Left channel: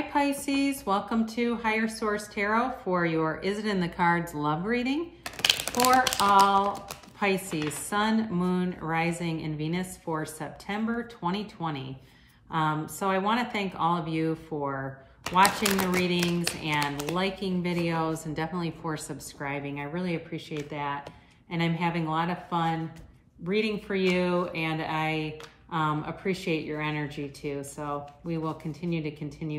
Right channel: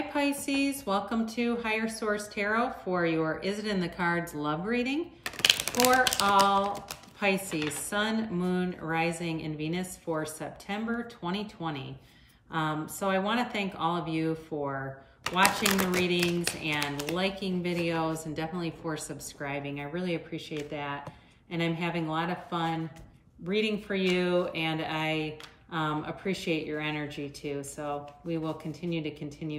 Hi Pisces, welcome to Higher Source Tarot for your Is It in the Cards love reading for all Pisces, Sun, Moon, Rising, and Venus for September 2020. So I want to thank all of you for watching the readings and liking videos, and definitely for subscribing. I really appreciate that. And I'm having a lot of fun reading for you, and I appreciate your energy too. So we will continue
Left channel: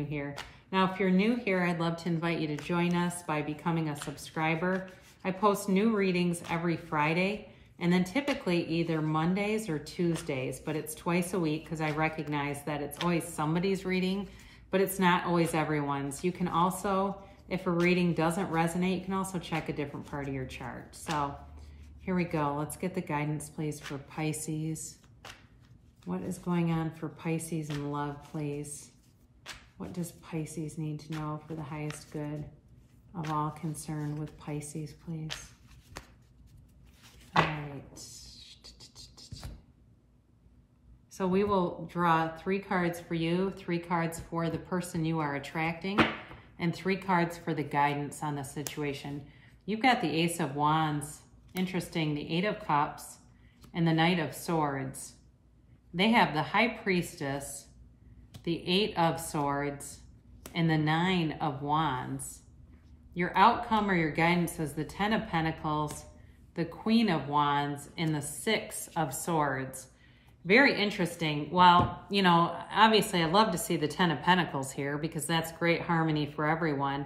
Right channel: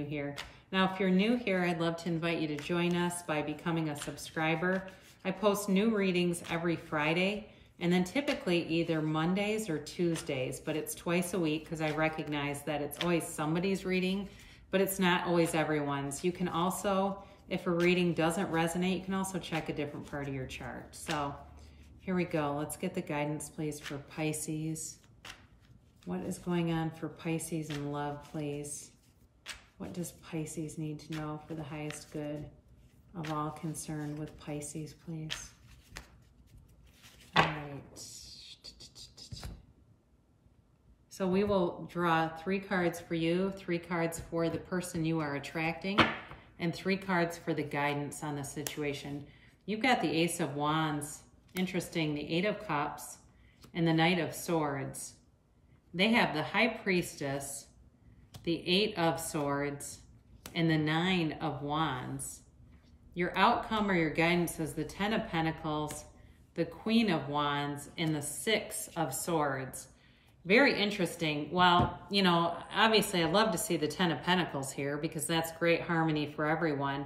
here. Now, if you're new here, I'd love to invite you to join us by becoming a subscriber. I post new readings every Friday, and then typically either Mondays or Tuesdays, but it's twice a week because I recognize that it's always somebody's reading, but it's not always everyone's. You can also, if a reading doesn't resonate, you can also check a different part of your chart. So here we go. Let's get the guidance, please, for Pisces. What is going on for Pisces in love, please? What does Pisces need to know for the highest good of all concerned with Pisces, please? All right. So we will draw 3 cards for you, 3 cards for the person you are attracting, and 3 cards for the guidance on the situation. You've got the Ace of Wands. Interesting, the 8 of Cups and the Knight of Swords. They have the High Priestess, the 8 of Swords, and the 9 of Wands. Your outcome or your guidance is the 10 of Pentacles, the Queen of Wands, and the 6 of Swords. Very interesting. Well, you know, obviously I'd love to see the 10 of Pentacles here because that's great harmony for everyone.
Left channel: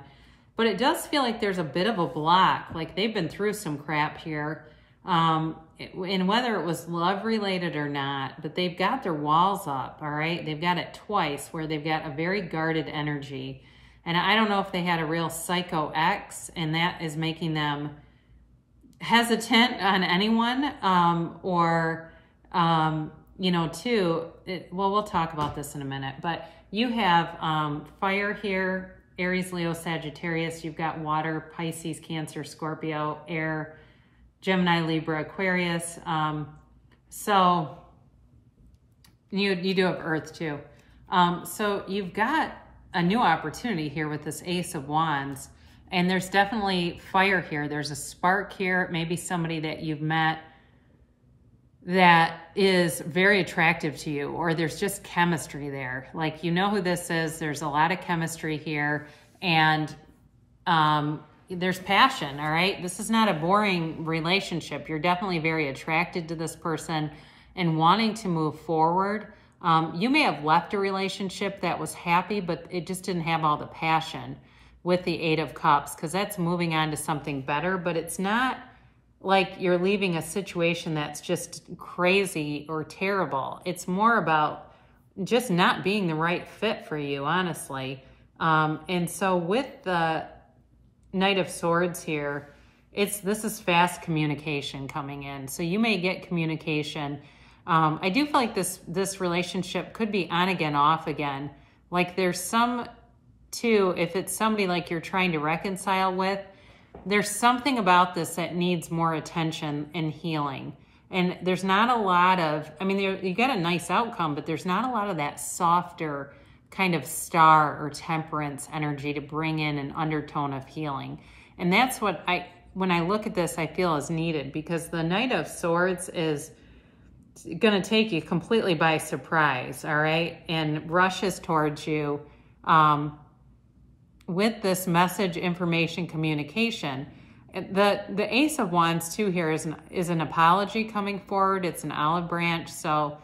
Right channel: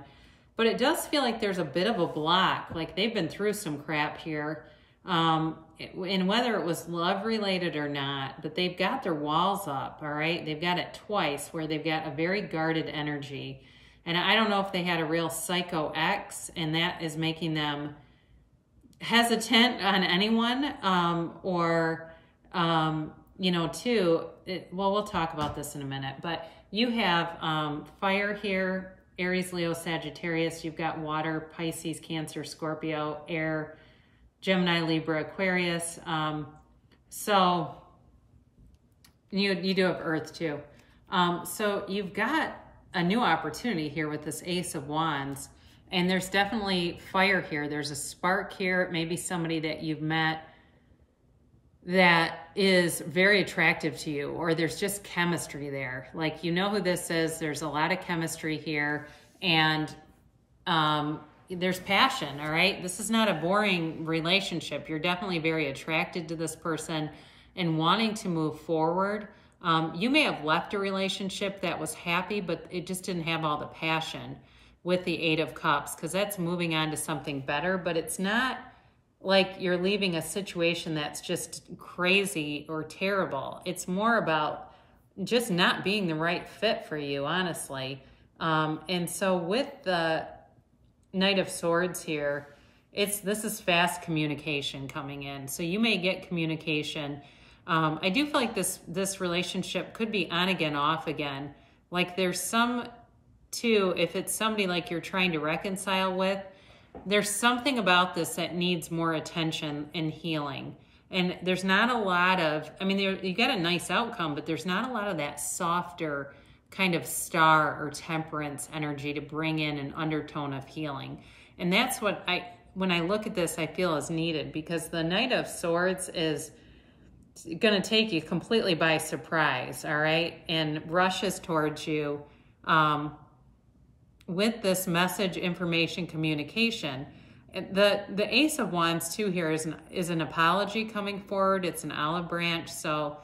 But it does feel like there's a bit of a block, like they've been through some crap here. And whether it was love related or not, but they've got their walls up, all right? They've got it twice where they've got a very guarded energy. And I don't know if they had a real psycho ex and that is making them hesitant on anyone, you know, too, well, we'll talk about this in a minute, but you have fire here, Aries, Leo, Sagittarius. You've got water, Pisces, Cancer, Scorpio, air, Gemini, Libra, Aquarius. So you do have Earth too. So you've got a new opportunity here with this Ace of Wands, and there's definitely fire here. There's a spark here, maybe somebody that you've met that is very attractive to you, or there's just chemistry there. Like, you know who this is. There's a lot of chemistry here, and there's passion, all right? This is not a boring relationship. You're definitely very attracted to this person and wanting to move forward. You may have left a relationship that was happy, but it just didn't have all the passion with the 8 of Cups, because that's moving on to something better, but it's not like you're leaving a situation that's just crazy or terrible. It's more about just not being the right fit for you, honestly. And so with the Knight of Swords here, this is fast communication coming in. So you may get communication. I do feel like this relationship could be on again, off again. Like there's some too, if it's somebody like you're trying to reconcile with, there's something about this that needs more attention and healing. And there's not a lot of, I mean, you get a nice outcome, but there's not a lot of that softer kind of star or temperance energy to bring in an undertone of healing. And that's what when I look at this, I feel is needed, because the Knight of Swords is going to take you completely by surprise, all right? And rushes towards you with this message, information, communication. The Ace of Wands too here is an apology coming forward. It's an olive branch. So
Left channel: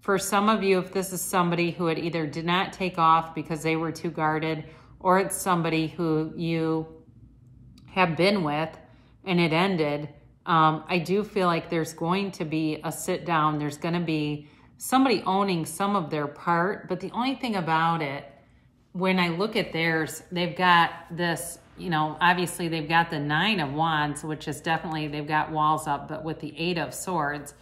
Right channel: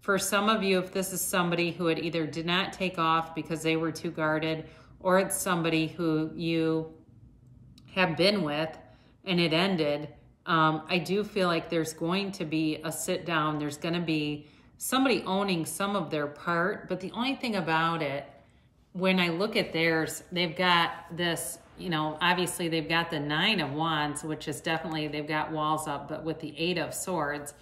for some of you, if this is somebody who had either did not take off because they were too guarded, or it's somebody who you have been with and it ended, I do feel like there's going to be a sit down. There's going to be somebody owning some of their part. But the only thing about it, when I look at theirs, they've got this, you know, obviously they've got the 9 of Wands, which is definitely, they've got walls up, but with the 8 of Swords,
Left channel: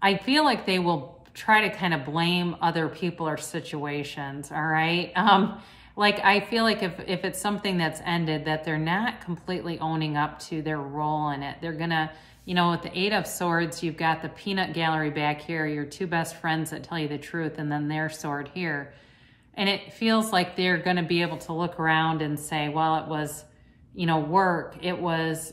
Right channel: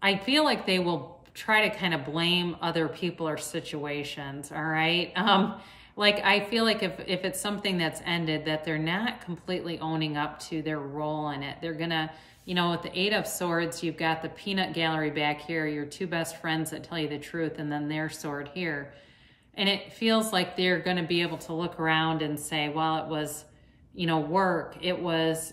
I feel like they will try to kind of blame other people or situations, all right? Like, I feel like if it's something that's ended, that they're not completely owning up to their role in it. They're gonna, you know, with the 8 of Swords, you've got the peanut gallery back here, your 2 best friends that tell you the truth, and then their sword here. And it feels like they're going to be able to look around and say, well, it was, you know, work. It was,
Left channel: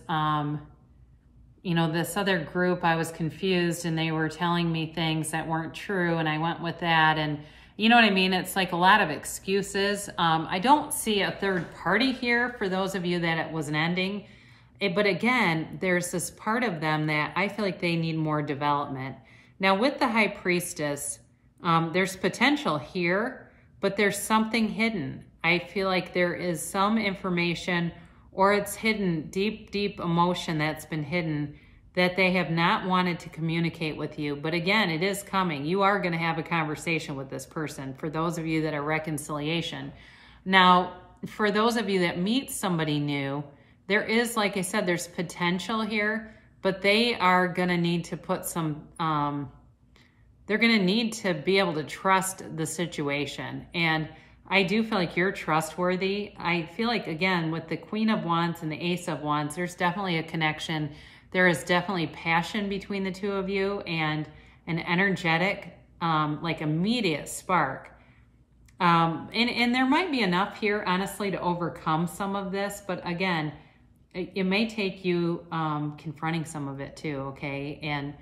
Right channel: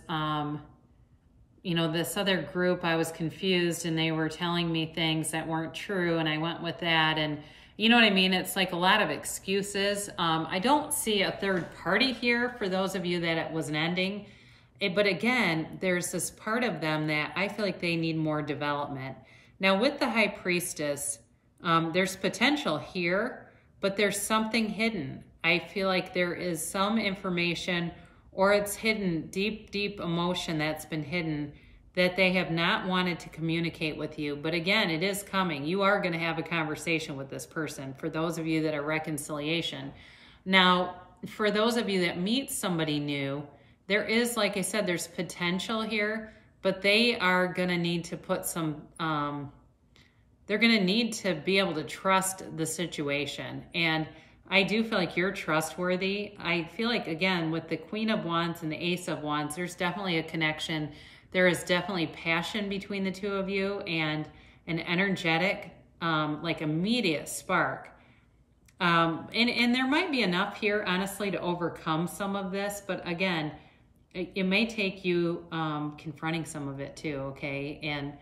you know, this other group, I was confused and they were telling me things that weren't true and I went with that. And you know what I mean? It's like a lot of excuses. I don't see a third party here for those of you that it was an ending. But again, there's this part of them that I feel like they need more development. Now with the High Priestess, there's potential here, but there's something hidden. I feel like there is some information, or it's hidden, deep, deep emotion that's been hidden that they have not wanted to communicate with you. But again, it is coming. You are going to have a conversation with this person, for those of you that are reconciliation. Now, for those of you that meet somebody new, there is, like I said, there's potential here, but they are going to need to put some, they're going to need to be able to trust the situation. And I do feel like you're trustworthy. I feel like, again, with the Queen of Wands and the Ace of Wands, there's definitely a connection. There is definitely passion between the two of you and an energetic, like immediate spark. And there might be enough here, honestly, to overcome some of this. But again, it may take you confronting some of it too, okay? And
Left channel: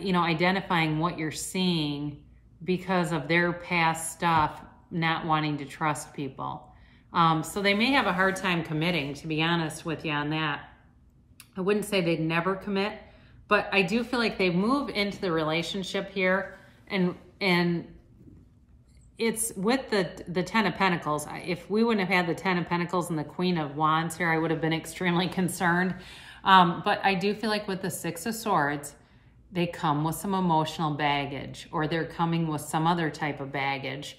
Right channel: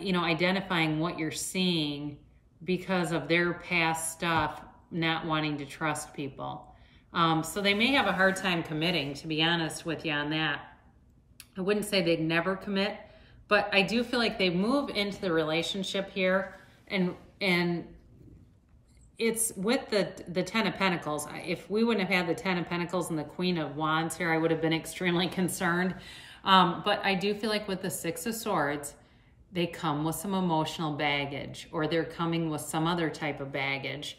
you know, identifying what you're seeing because of their past stuff, not wanting to trust people. So they may have a hard time committing, to be honest with you on that. I wouldn't say they'd never commit, but I do feel like they move into the relationship here, and it's with the Ten of Pentacles. If we wouldn't have had the Ten of Pentacles and the Queen of Wands here, I would have been extremely concerned. But I do feel like with the Six of Swords, they come with some emotional baggage, or they're coming with some other type of baggage.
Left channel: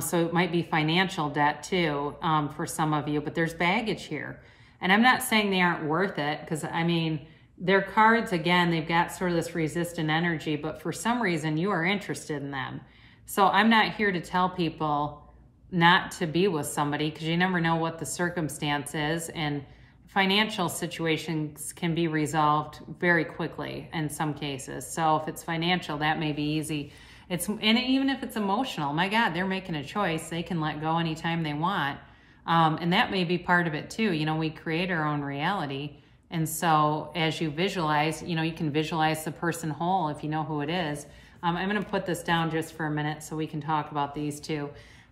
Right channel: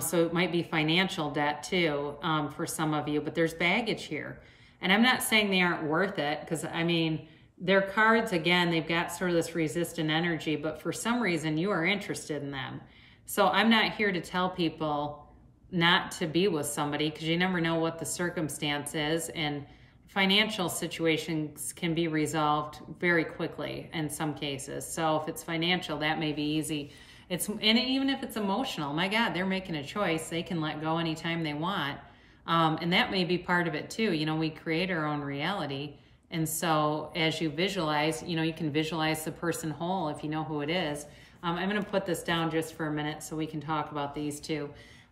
So it might be financial debt too, for some of you, but there's baggage here. And I'm not saying they aren't worth it, because I mean, their cards, again, they've got sort of this resistant energy, but for some reason you are interested in them. So I'm not here to tell people not to be with somebody, because you never know what the circumstance is, and financial situations can be resolved very quickly in some cases. So if it's financial, that may be easy. And even if it's emotional, my God, they're making a choice. They can let go anytime they want. And that may be part of it too. You know, we create our own reality. And so as you visualize, you know, you can visualize the person whole if you know who it is. I'm going to put this down just for a minute so we can talk about these two.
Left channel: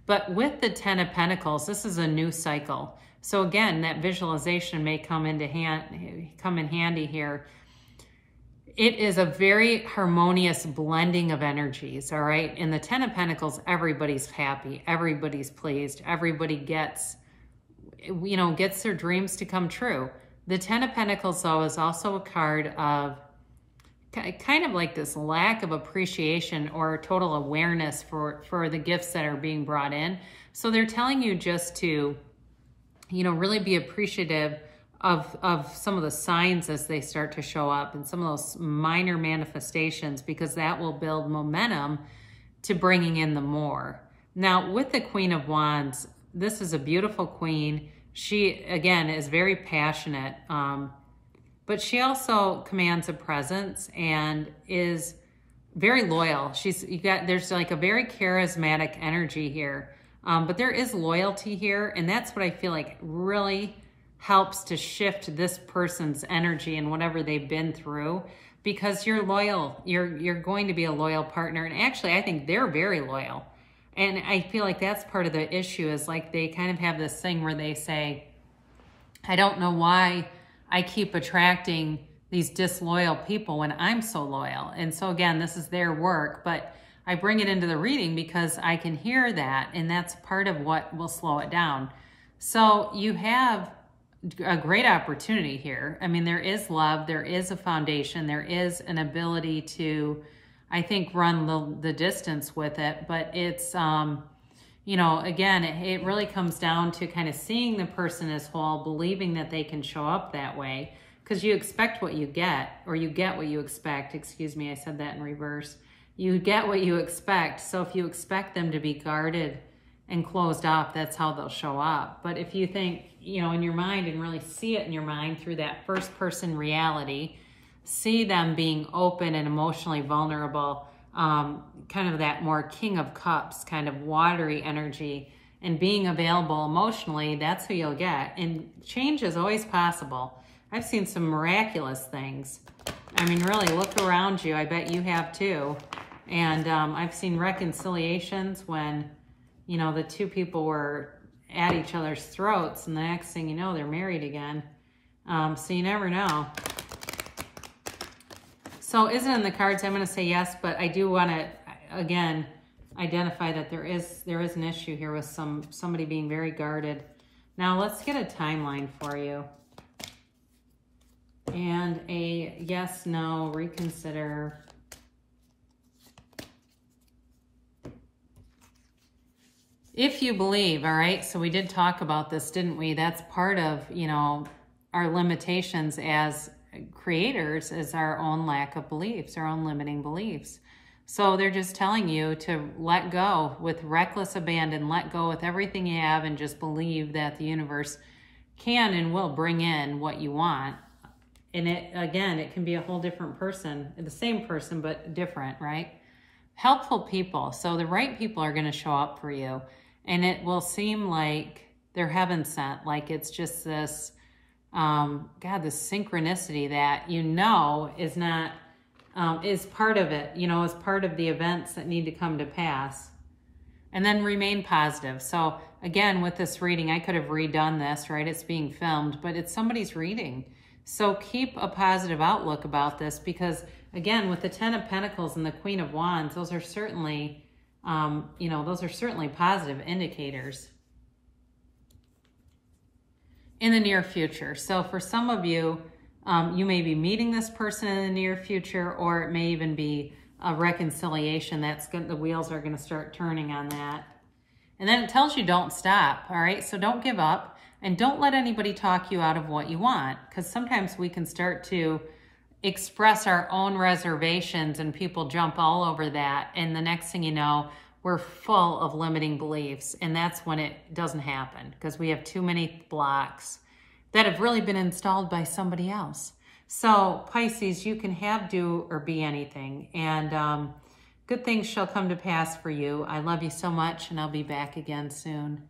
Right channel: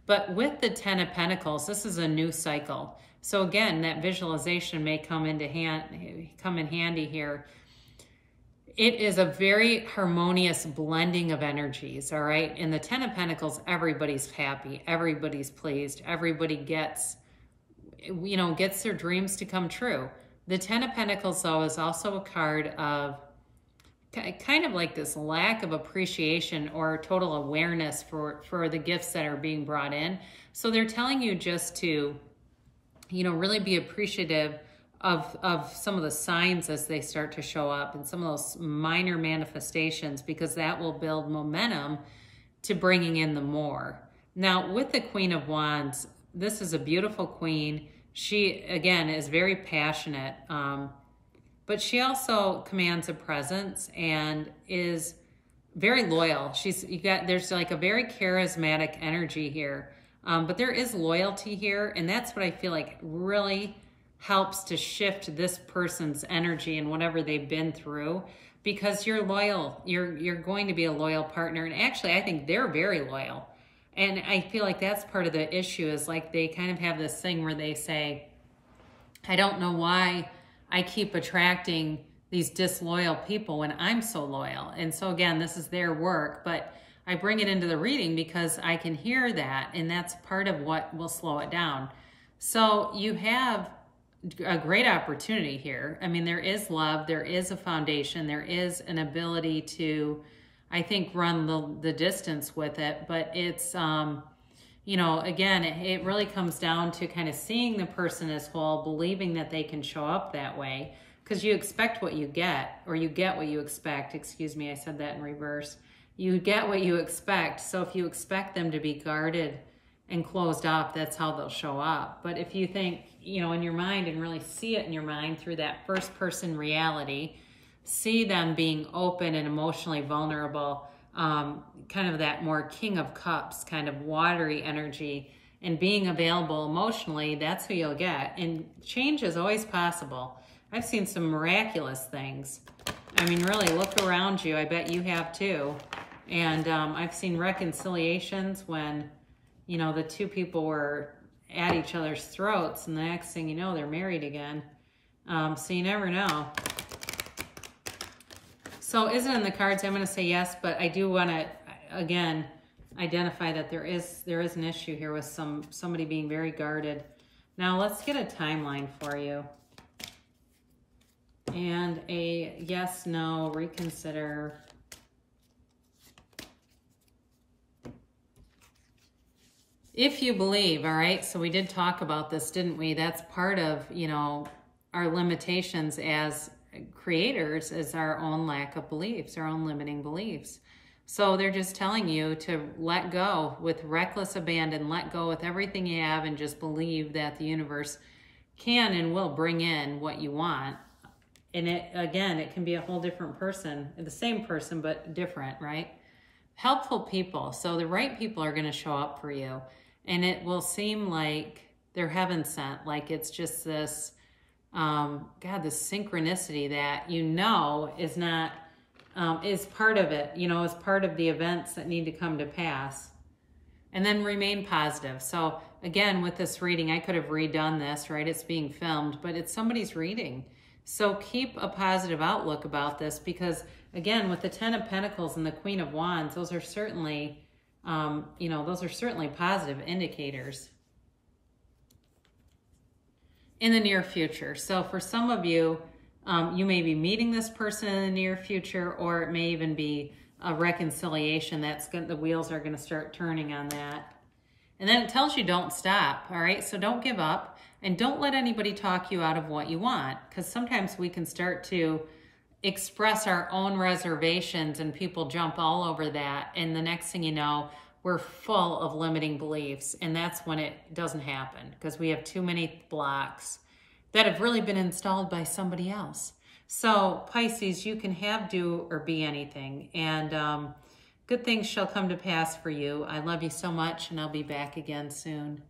But with the Ten of Pentacles, this is a new cycle. So again, that visualization may come in handy here. It is a very harmonious blending of energies, all right? In the Ten of Pentacles, everybody's happy, everybody's pleased, everybody gets, you know, gets their dreams to come true. The Ten of Pentacles, though, is also a card of kind of like this lack of appreciation or total awareness for the gifts that are being brought in. So they're telling you just to, you know, really be appreciative of some of the signs as they start to show up, and some of those minor manifestations, because that will build momentum to bringing in the more. Now, with the Queen of Wands, this is a beautiful queen. She, again, is very passionate, but she also commands a presence and is very loyal. There's like a very charismatic energy here, but there is loyalty here, and that's what I feel like really helps to shift this person's energy and whatever they've been through, because you're loyal. You're going to be a loyal partner. And actually, I think they're very loyal. And I feel like that's part of the issue, is like they kind of have this thing where they say, I don't know why I keep attracting these disloyal people when I'm so loyal. And so again, this is their work, but I bring it into the reading because I can hear that, and that's part of what will slow it down. So you have a great opportunity here. I mean, there is love, there is a foundation, there is an ability to, I think, run the distance with it, but it's, you know, again, it really comes down to kind of seeing the person as whole, believing that they can show up that way, because you expect what you get, or you get what you expect. Excuse me, I said that in reverse. You get what you expect. So if you expect them to be guarded and closed off, that's how they'll show up. But if you think, you know, in your mind, and really see it in your mind through that first person reality, see them being open and emotionally vulnerable, kind of that more King of Cups, kind of watery energy, and being available emotionally, that's who you'll get. And change is always possible. I've seen some miraculous things. I mean, really, look around you. I bet you have too. And I've seen reconciliations when, you know, the two people were at each other's throats, and the next thing you know, they're married again. So you never know. So is it in the cards? I'm going to say yes, but I do want to, again, identify that there is an issue here with somebody being very guarded. Now let's get a timeline for you. And a yes, no, reconsider. If you believe, all right, so we did talk about this, didn't we? That's part of, you know, our limitations as creators is our own lack of beliefs, our own limiting beliefs. So they're just telling you to let go with reckless abandon, let go with everything you have, and just believe that the universe can and will bring in what you want. And it, again, it can be a whole different person, the same person, but different, right? Helpful people. So the right people are going to show up for you. And it will seem like they're heaven sent, like it's just this, God, this synchronicity that you know is not, is part of it, you know, is part of the events that need to come to pass. And then remain positive. So again, with this reading, I could have redone this, right? It's being filmed, but it's somebody's reading. So keep a positive outlook about this because, again, with the Ten of Pentacles and the Queen of Wands, those are certainly, you know, those are certainly positive indicators in the near future. So for some of you, you may be meeting this person in the near future, or it may even be a reconciliation that's going, the wheels are going to start turning on that. And then it tells you don't stop, all right? So don't give up and don't let anybody talk you out of what you want, because sometimes we can start to express our own reservations and people jump all over that. And the next thing you know, we're full of limiting beliefs. And that's when it doesn't happen because we have too many blocks that have really been installed by somebody else. So Pisces, you can have, do, or be anything. And good things shall come to pass for you. I love you so much, and I'll be back again soon.